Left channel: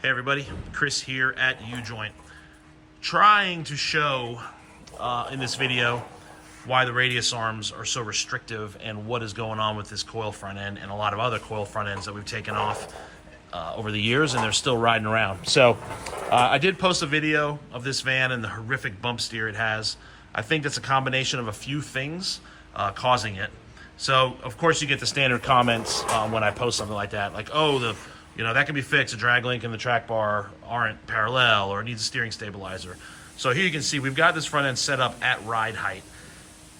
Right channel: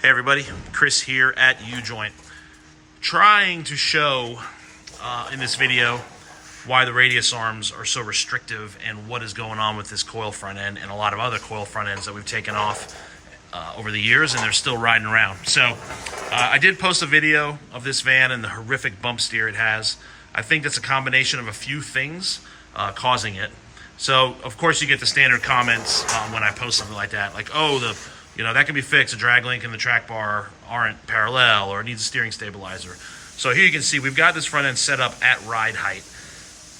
Hey everybody, Chris here at U-Joint. Trying to show in this video why the radius arms are so restrictive and what is going on with this coil front end and a lot of other coil front ends that we've taken off over the years, and they're still riding around. So I did post a video of this van and the horrific bump steer it has. I think that's a combination of a few things causing it. So of course you get the standard comments when I post something like that, like, oh, that can be fixed. The drag link and the track bar aren't parallel, or it needs a steering stabilizer. So here you can see we've got this front end set up at ride height.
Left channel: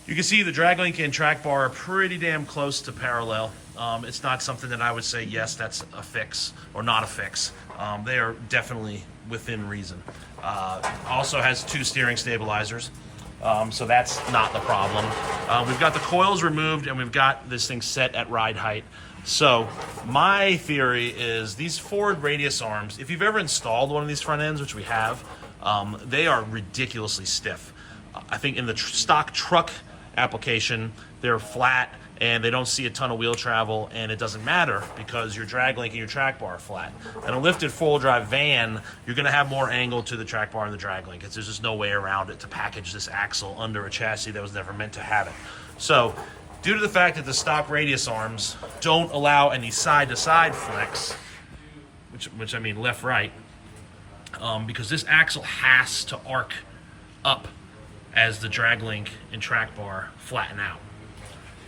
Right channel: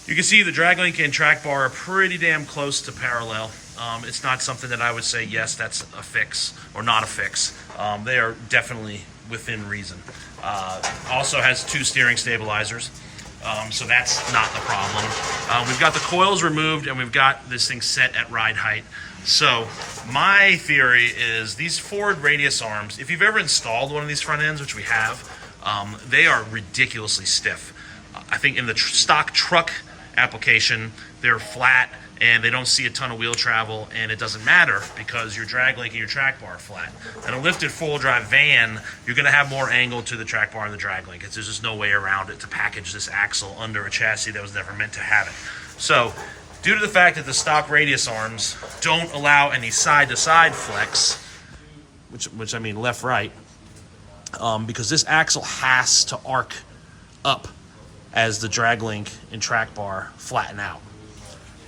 You can see the drag link and track bar are pretty damn close to parallel. It's not something that I would say, yes, that's a fix or not a fix. They are definitely within reason. Also has two steering stabilizers. So that's not the problem. We've got the coils removed and we've got this thing set at ride height. So my theory is these forward radius arms, if you've ever installed one of these front ends, which we have, they are ridiculously stiff. I think in the stock truck application, they're flat and they don't see a ton of wheel travel, and it doesn't matter because your drag link and your track bar are flat. In a lifted four-wheel drive van, you're gonna have more angle to the track bar and the drag link. There's just no way around it to package this axle under a chassis that was never meant to have it. So, due to the fact that the stock radius arms don't allow any side-to-side flex, which I mean left-right, because this axle has to arc up as the drag link and track bar flatten out.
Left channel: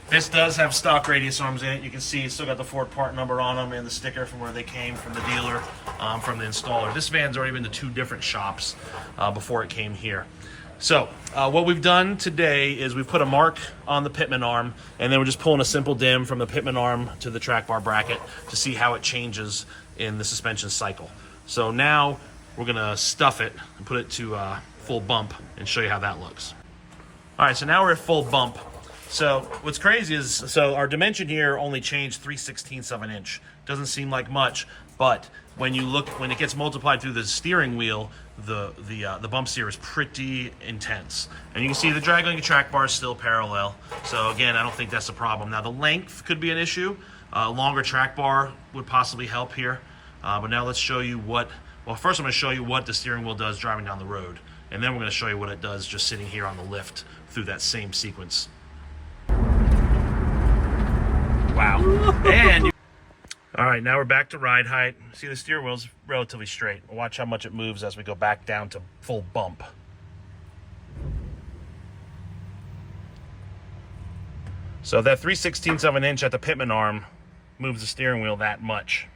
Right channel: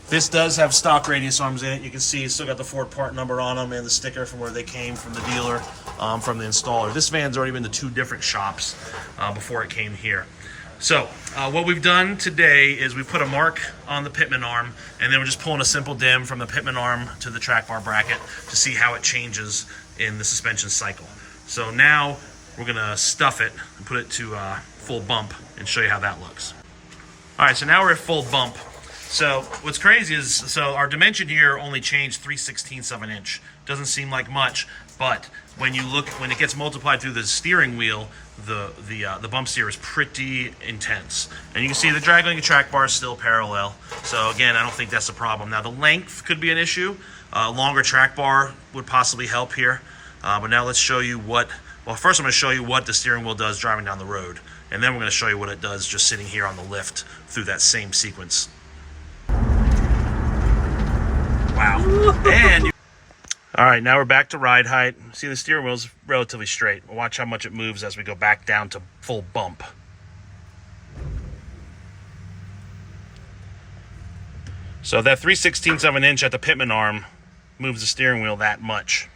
This does have stock radius arms in it. You can see it's still got the Ford part number on them and the sticker from where they came from the dealer, from the installer. This van's already been to two different shops before it came here. So what we've done today is we put a mark on the pitman arm, and then we're just pulling a simple dim from the pitman arm to the track bar bracket to see how it changes in the suspension cycle. So now we're gonna stuff it and put it to full bump and show you how that looks. All right, so now we're at full bump. So what's crazy is, so our dimension here only changed 3/16 of an inch. Doesn't seem like much, but when it gets multiplied through the steering wheel, the bump steer is pretty intense. And you can see the drag link and track bar is still parallel. So again, I don't think that's a problem. Now the length could be an issue. Longer track bar would possibly help here. But now let's show you first I'm gonna show you what the steering wheel does driving down the road. And then we're gonna show you what it does just sitting here on the lift through that same sequence. Wow. All right, now we're back to ride height. See, the steering wheel's relatively straight. We'll watch how much it moves as we go back down to full bump. So that 3/16 of an inch at the pitman arm moves the steering wheel that much.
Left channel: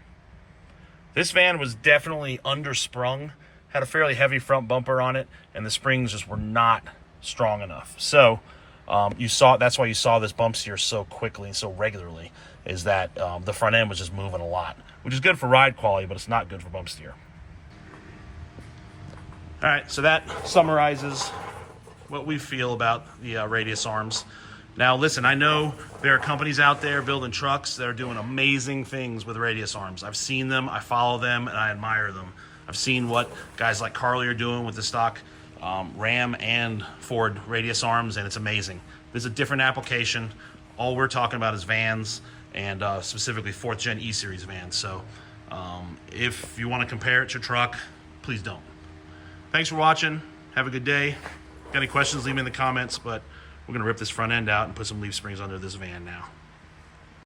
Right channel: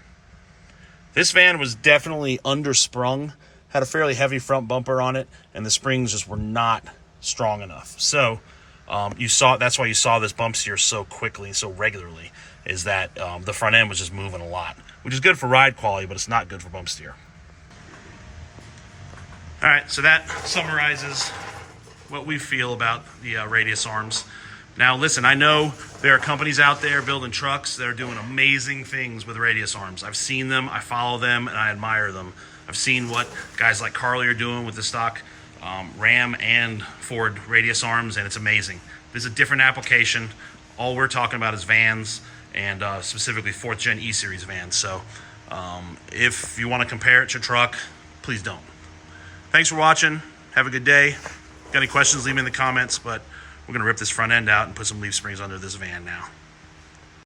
This van was definitely undersprung, had a fairly heavy front bumper on it, and the springs just were not strong enough. So that's why you saw this bump steer so quickly and so regularly, is that the front end was just moving a lot, which is good for ride quality, but it's not good for bump steer. All right, so that summarizes what we feel about the radius arms. Now listen, I know there are companies out there building trucks that are doing amazing things with radius arms. I've seen them, I follow them, and I admire them. I've seen what guys like Carly are doing with the stock Ram and Ford radius arms, and it's amazing. This is a different application. All we're talking about is vans, and specifically 4th gen E-Series vans. So if you want to compare it to truck, please don't. Thanks for watching. Have a good day. Got any questions, leave them in the comments, but we're going to rip this front end out and put some leaf springs under this van now.